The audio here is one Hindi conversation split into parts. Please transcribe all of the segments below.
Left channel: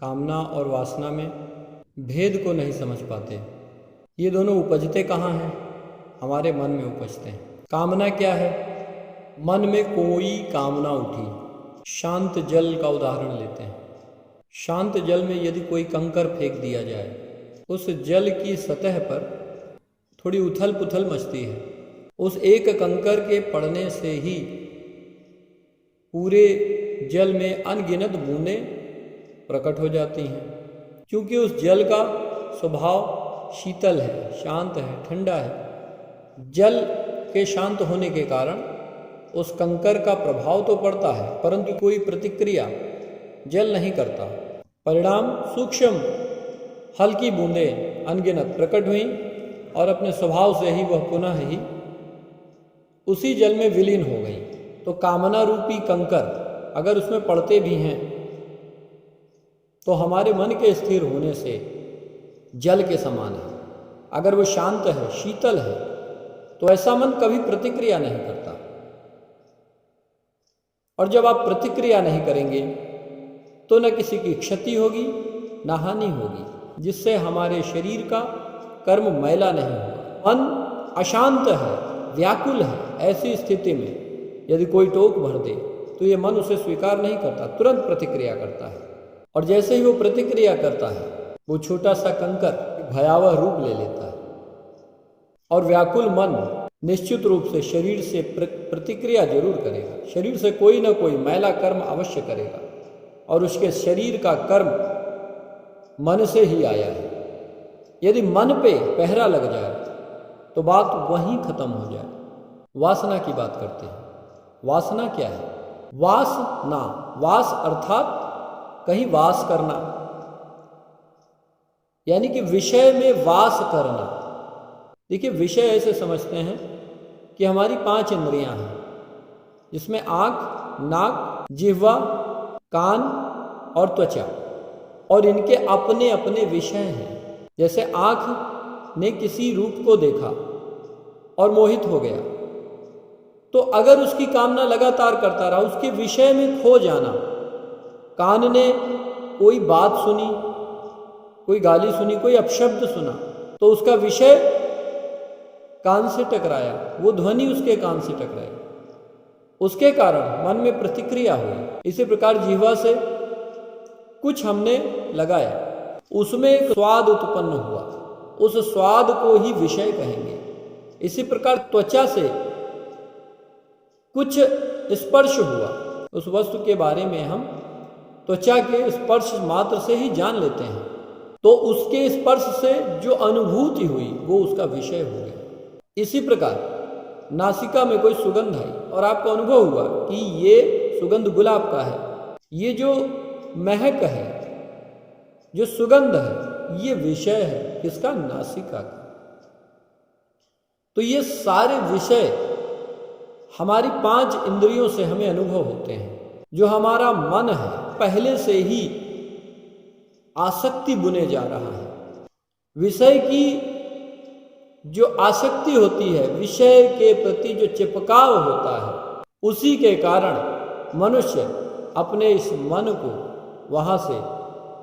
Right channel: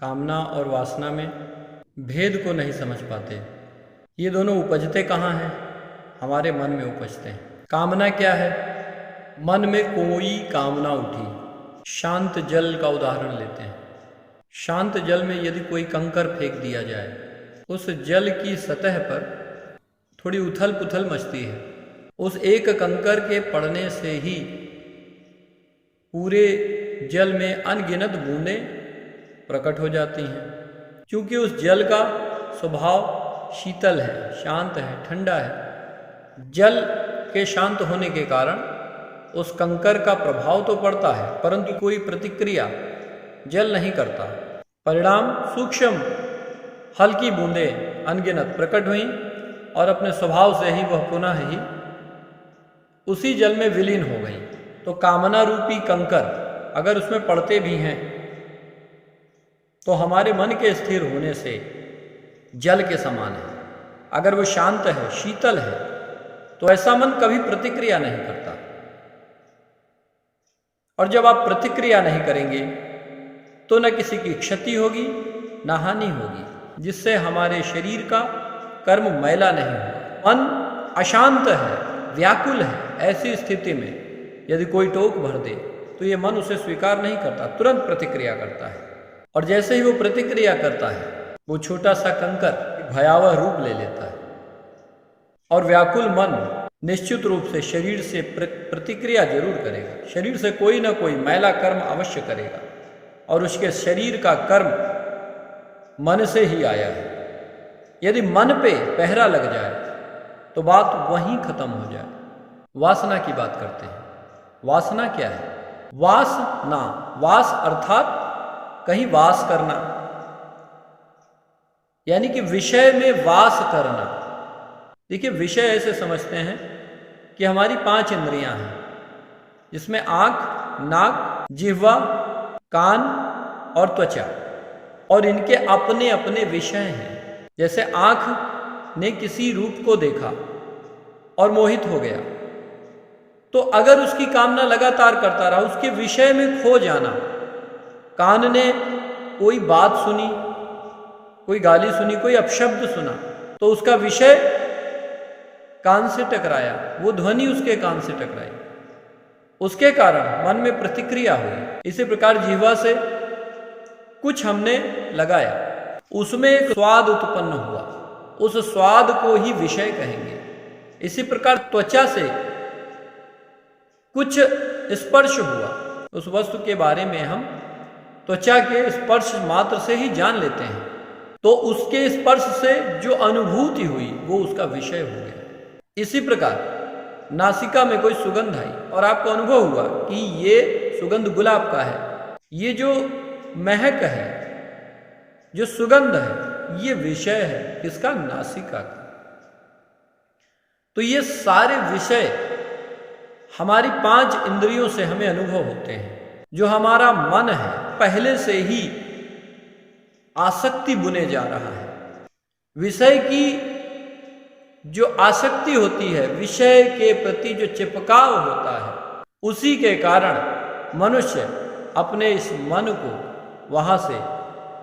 कामना और वासना में भेद को नहीं समझ पाते। ये दोनों उपजते कहाँ हैं? हमारे मन में उपजते हैं। कामना क्या है? मन में कोई कामना उठी। शांत जल का उदाहरण लेते हैं। शांत जल में यदि कोई कंकर फेंक दिया जाए, उस जल की सतह पर थोड़ी उथल पुथल मचती है। उस एक कंकर के पड़ने से ही पूरे जल में अनगिनत बूंदें प्रकट हो जाती हैं। क्योंकि उस जल का स्वभाव शीतल है, शांत है, ठंडा है। जल के शांत होने के कारण उस कंकर का प्रभाव तो पड़ता है, परंतु कोई प्रतिक्रिया जल नहीं करता। परिणाम सूक्ष्म हल्की बूंदें अनगिनत प्रकट हुई और अपने स्वभाव से ही वह पुनः ही उसी जल में विलीन हो गई। तो कामना रूपी कंकर अगर उसमें पड़ते भी हैं तो हमारे मन के स्थिर होने से जल के समान है। अगर वो शांत है, शीतल है, तो ऐसा मन कभी प्रतिक्रिया नहीं करता। और जब आप प्रतिक्रिया नहीं करेंगे तो न किसी की क्षति होगी, न हानि होगी, जिससे हमारे शरीर का कर्म मैला नहीं होगा। मन अशांत है, व्याकुल है। ऐसी स्थिति में यदि कोई टोक भर दे तो ये मन उसे स्वीकार नहीं करता, तुरंत प्रतिक्रिया करता है। और जैसे ही वो प्रतिक्रिया करता है, वो छोटा सा कंकर भयावह रूप ले लेता है। और व्याकुल मन निश्चित रूप से शरीर से प्रतिक्रिया जरूर करेगा। शरीर से कोई ना कोई मैला कर्म अवश्य करेगा, और उसके शरीर का कर्म मन से ही आया है। यदि मन पे पहरा लग जाए तो बात वहीं खत्म हो जाए। वासना की बात करते हैं। वासना क्या है? वासना, वास अर्थात कहीं वास करना, यानी कि विषय में वास करना। देखिए, विषय ऐसे समझते हैं कि हमारी 5 इंद्रियां हैं, जिसमें आंख, नाक, जिह्वा, कान और त्वचा, और इनके अपने अपने विषय हैं। जैसे आंख ने किसी रूप को देखा और मोहित हो गया, तो अगर उसकी कामना लगातार करता रहा, उसके विषय में खो जाना। कान ने कोई बात सुनी, कोई गाली सुनी, कोई अपशब्द सुना, तो उसका विषय कान से टकराया, वो ध्वनि उसके कान से टकराई, उसके कारण मन में प्रतिक्रिया हुई। इसी प्रकार जिह्वा से कुछ हमने लगाया, उसमें एक स्वाद उत्पन्न हुआ, उस स्वाद को ही विषय कहेंगे। इसी प्रकार त्वचा से कुछ स्पर्श हुआ, उस वस्तु के बारे में हम त्वचा के स्पर्श मात्र से ही जान लेते हैं, तो उसके स्पर्श से जो अनुभूति हुई वो उसका विषय हो गया। इसी प्रकार नासिका में कोई सुगंध आई और आपको अनुभव हुआ कि ये सुगंध गुलाब का है, ये जो महक है, जो सुगंध है, ये विषय है किसका? नासिका का। तो ये सारे विषय हमारी 5 इंद्रियों से हमें अनुभव होते हैं। जो हमारा मन है, पहले से ही आसक्ति बुने जा रहा है। विषय की जो आसक्ति होती है, विषय के प्रति जो चिपकाव होता है, उसी के कारण मनुष्य अपने इस मन को वहां से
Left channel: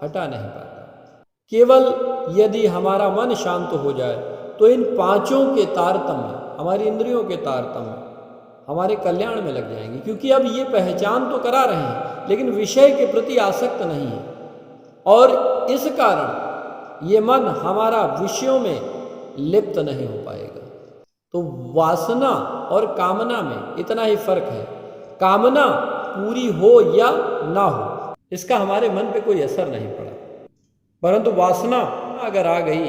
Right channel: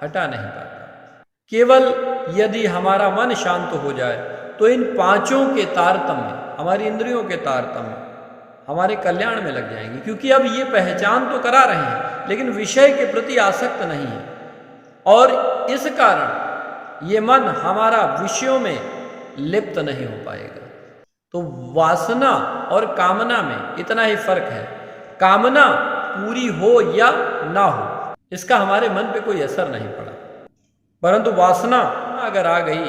हटा नहीं पाता। केवल यदि हमारा मन शांत हो जाए तो इन 5 के तारतम्य, हमारी इंद्रियों के तारतम्य हमारे कल्याण में लग जाएंगे। क्योंकि अब ये पहचान तो करा रहे हैं, लेकिन विषय के प्रति आसक्त नहीं है, और इस कारण ये मन हमारा विषयों में लिप्त नहीं हो पाएगा। तो वासना और कामना में इतना ही फर्क है। कामना पूरी हो या ना हो, इसका हमारे मन पे कोई असर नहीं पड़ा, परंतु वासना अगर आ गई,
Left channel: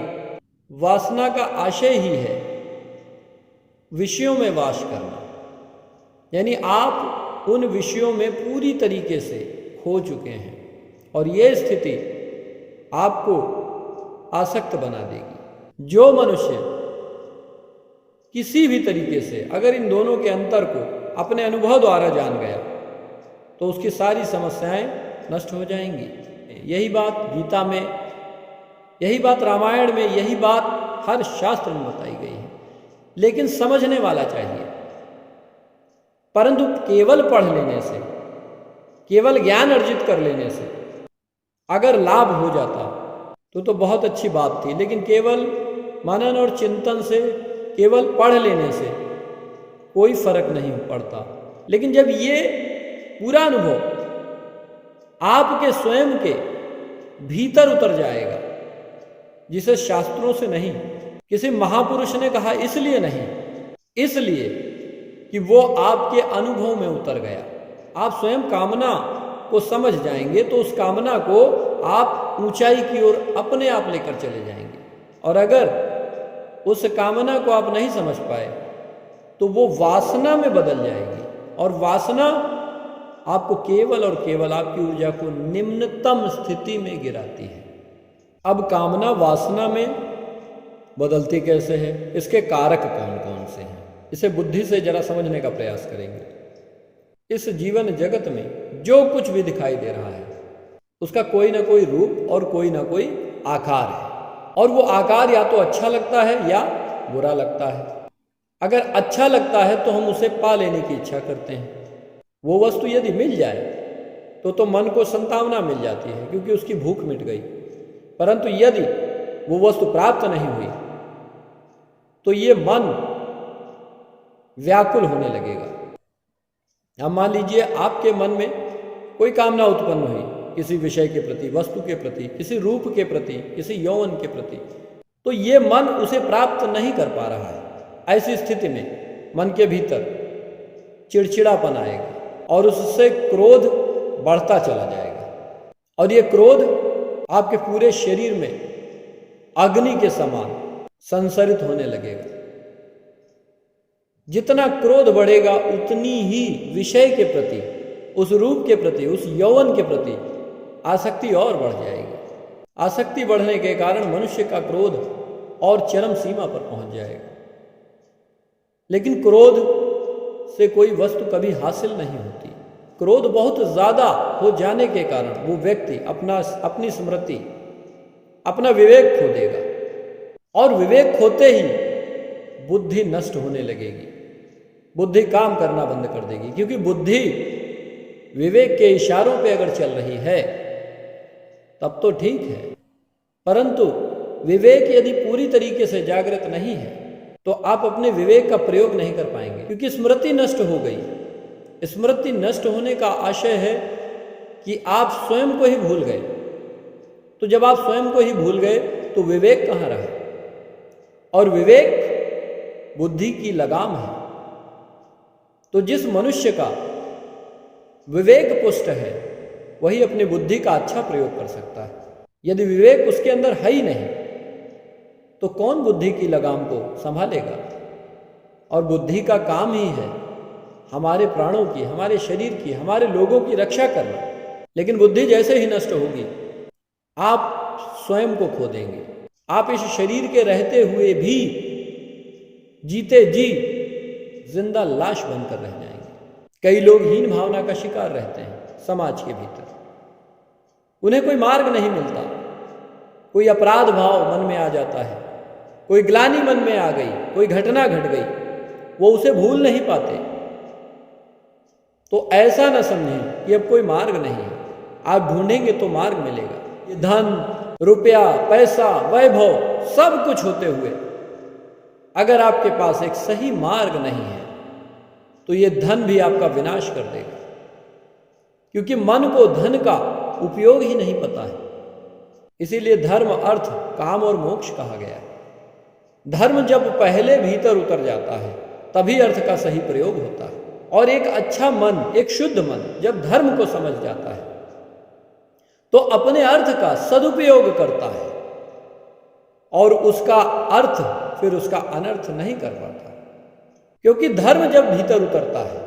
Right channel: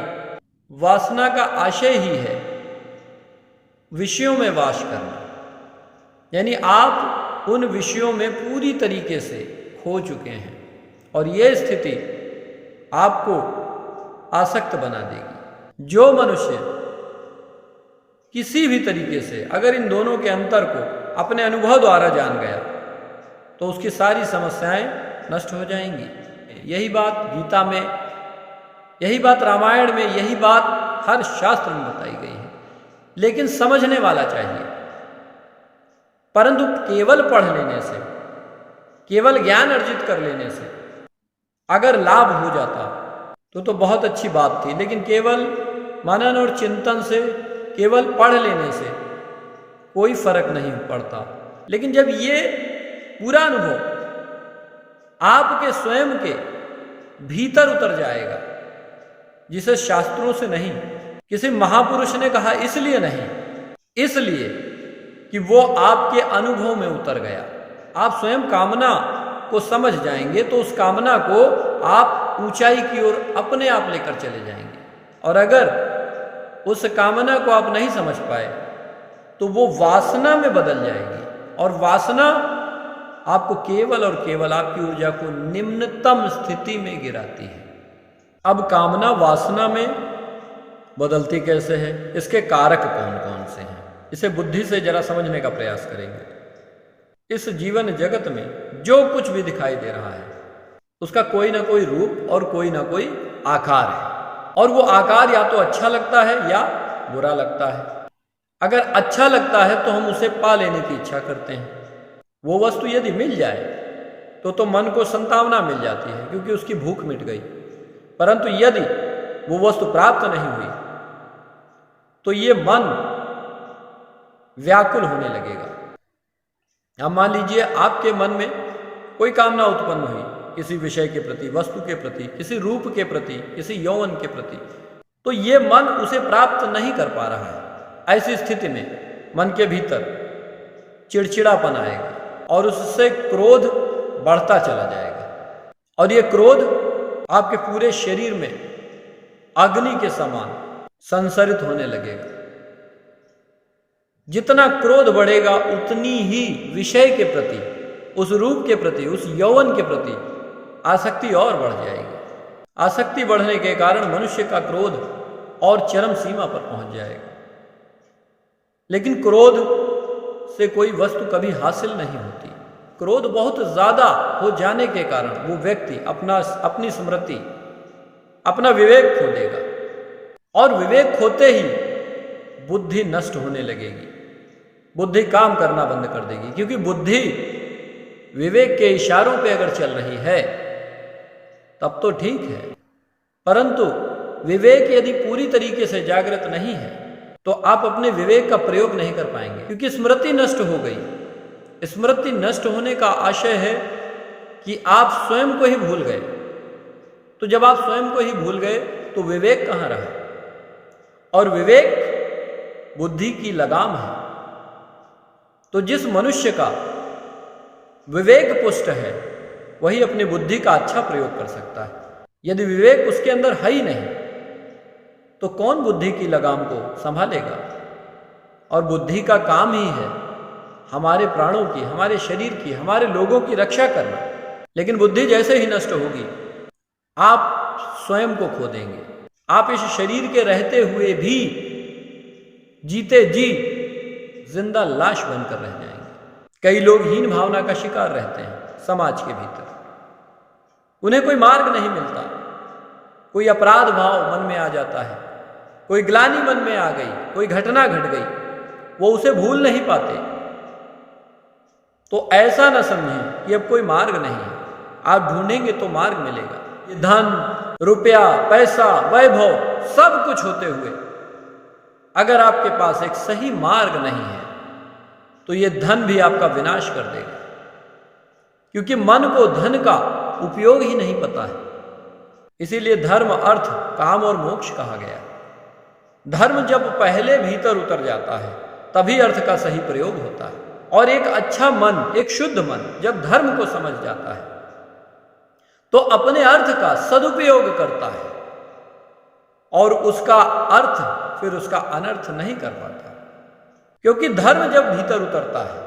वासना का आशय ही है विषयों में वास करना, यानी आप उन विषयों में पूरी तरीके से खो चुके हैं, और ये स्थिति आपको आसक्त बना देगी। जो मनुष्य किसी भी तरीके से अगर इन दोनों के अंतर को अपने अनुभव द्वारा जान गया तो उसकी सारी समस्याएं नष्ट हो जाएंगी। यही बात गीता में, यही बात रामायण में, यही बात हर शास्त्र में बताई गई है। लेकिन समझने वाला चाहिए। परंतु केवल पढ़ लेने से, केवल ज्ञान अर्जित कर लेने से अगर लाभ हो जाता तो बहुत अच्छी बात थी, लेकिन केवल मनन और चिंतन से, केवल पढ़ लेने से कोई फर्क नहीं पड़ता। लेकिन जब ये पूरा अनुभव आपके स्वयं के भीतर उतर जाएगा, जिसे शास्त्रों से नहीं, किसी महापुरुष ने कहा इसलिए नहीं, इसलिए कि वो आपके अनुभव में उतर गया। आप स्वयं कामना को समझ जाएंगे तो उस कामना को आप ऊंचाई की ओर अपने आप लेकर चले जाएंगे। और अगर उस कामना को आप नहीं समझ पाए तो वो वासना में बदल जाएगी, और वासना आपको केवल और केवल आपकी ऊर्जा को निम्नतम स्थिति में गिराती है। अब कामना वासना में बदलती कैसे है, इसके कारक कौन कौन से हैं, इसे बुद्धि से जरा समझने का प्रयास करेंगे। इस जीवन जगत में जो कुछ भी दिखाई दे रहा है उसका कोई ना कोई रूप और कोई ना कोई आकार है, और वो आकार या तो अच्छा लगता है या बुरा लगता है। अगर अच्छा लगता है तो हम उसे पा लेने की इच्छा करते हैं। वो वस्तु यदि मिल जाए तो मन को संतावना मिल जाती है क्योंकि उसकी भूख मिट गई। परंतु यदि वो वस्तु प्राप्त नहीं हुई तो ये मन व्याकुल होने लगेगा। अब मान लीजिए आपके मन में कोई कामना उत्पन्न हुई किसी विषय के प्रति, वस्तु के प्रति, किसी रूप के प्रति, किसी यौवन के प्रति, तो ये मन उसे प्राप्त नहीं कर पा रहा है। ऐसी स्थिति में मन के भीतर चिड़चिड़ापन आएगा और उससे क्रोध बढ़ता चला जाएगा, और ये क्रोध आपके पूरे शरीर में अग्नि के समान संसरित होने लगेगा। जितना क्रोध बढ़ेगा उतनी ही विषय के प्रति, उस रूप के प्रति, उस यौवन के प्रति आसक्ति और बढ़ जाएगी। आसक्ति बढ़ने के कारण मनुष्य का क्रोध और चरम सीमा पर पहुंच जाएगा। लेकिन क्रोध से कोई वस्तु कभी हासिल नहीं होती। क्रोध बहुत ज्यादा हो जाने के कारण वो व्यक्ति अपनी स्मृति, अपना विवेक खो देगा, और विवेक खोते ही बुद्धि नष्ट होने लगेगी, बुद्धि काम करना बंद कर देगी। क्योंकि बुद्धि विवेक के इशारों पे अगर चल रही है तब तो ठीक है, परंतु विवेक यदि पूरी तरीके से जागृत नहीं है तो आप अपने विवेक का प्रयोग नहीं कर पाएंगे, क्योंकि स्मृति नष्ट हो गई। स्मृति नष्ट होने का आशय है कि आप स्वयं को ही भूल गए। तो जब आप स्वयं को ही भूल गए तो विवेक कहाँ रहा? और विवेक बुद्धि की लगाम है। तो जिस मनुष्य का विवेक पुष्ट है वही अपनी बुद्धि का अच्छा प्रयोग कर सकता है। यदि विवेक उसके अंदर है ही नहीं तो कौन बुद्धि की लगाम को संभालेगा? और बुद्धि का काम ही है हमारे प्राणों की, हमारे शरीर की, हमारे लोगों की रक्षा करना। लेकिन बुद्धि जैसे ही नष्ट होगी आप स्वयं को खो देंगे। आप इस शरीर के रहते हुए भी जीते जी जिंदा लाश बनकर रह जाएंगे। कई लोग हीन भावना का शिकार रहते हैं समाज के भीतर, उन्हें कोई मार्ग नहीं मिलता। कोई अपराध भाव मन में आ जाता है, कोई ग्लानि मन में आ गई, कोई घटना घट गई, वो उसे भूल नहीं पाते। तो ऐसा न समझें कि अब कोई मार्ग नहीं है, आप ढूंढेंगे तो मार्ग मिलेगा। ये धन, रुपया, पैसा, वैभव सब कुछ होते हुए अगर आपके पास एक सही मार्ग नहीं है तो ये धन भी आपका विनाश कर देगा, क्योंकि मन को धन का उपयोग ही नहीं पता है। इसीलिए धर्म, अर्थ, काम और मोक्ष कहा गया। धर्म जब पहले भीतर उतर जाता है तभी अर्थ का सही प्रयोग होता है। और एक अच्छा मन, एक शुद्ध मन जब धर्म को समझ जाता है तो अपने अर्थ का सदुपयोग करता है और उसका अर्थ फिर उसका अनर्थ नहीं कर पाता। क्योंकि धर्म जब भीतर उतरता है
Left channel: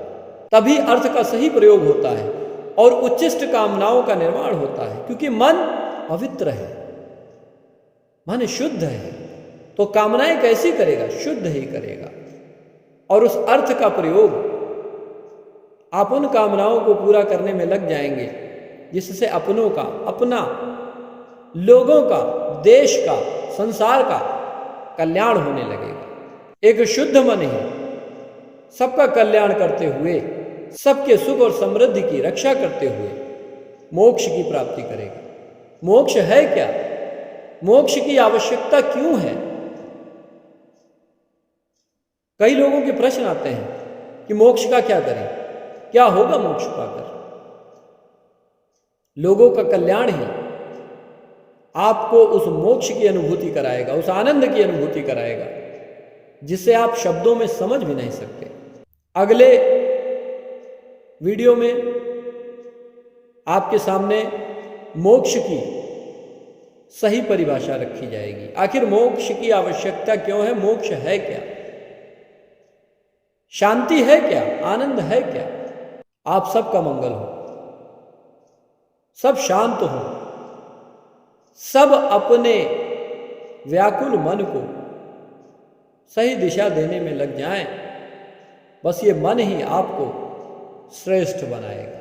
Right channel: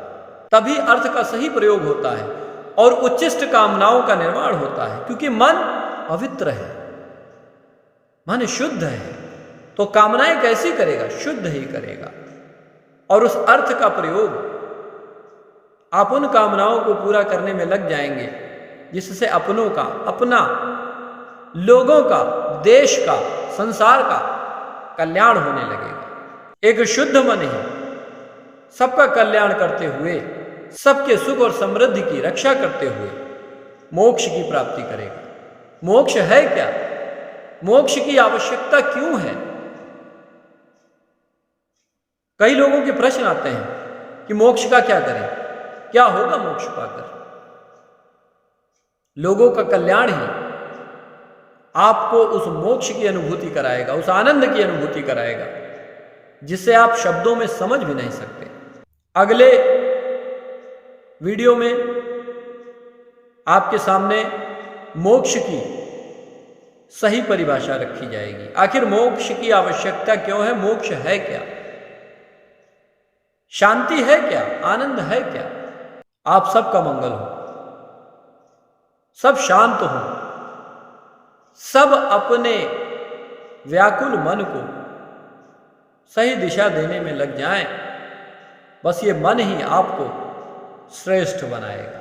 तभी अर्थ का सही प्रयोग होता है और उच्चिष्ट कामनाओं का निर्माण होता है। क्योंकि मन पवित्र है, मन शुद्ध है, तो कामनाएं कैसी करेगा? शुद्ध ही करेगा। और उस अर्थ का प्रयोग आप उन कामनाओं को पूरा करने में लग जाएंगे जिससे अपनों का, अपना, लोगों का, देश का, संसार का कल्याण होने लगेगा। एक शुद्ध मन ही सबका कल्याण करते हुए, सबके सुख और समृद्धि की रक्षा करते हुए मोक्ष की प्राप्ति करेगा। मोक्ष है क्या? मोक्ष की आवश्यकता क्यों है? कई लोगों के प्रश्न आते हैं कि मोक्ष का क्या करें, क्या होगा मोक्ष पाकर? लोगों का कल्याण ही आपको उस मोक्ष की अनुभूति कराएगा, उस आनंद की अनुभूति कराएगा जिसे आप शब्दों में समझ भी नहीं सकते। अगले वीडियो में आपके सामने मोक्ष की सही परिभाषा रखी जाएगी। आखिर मोक्ष की आवश्यकता क्यों है? मोक्ष है क्या? शांति है क्या? आनंद है क्या? आप सबका मंगल हो, सब शांत हो, सब अपने व्याकुल मन को सही दिशा देने में लग जाएं। बस ये मन ही आपको श्रेष्ठ बनाएगा।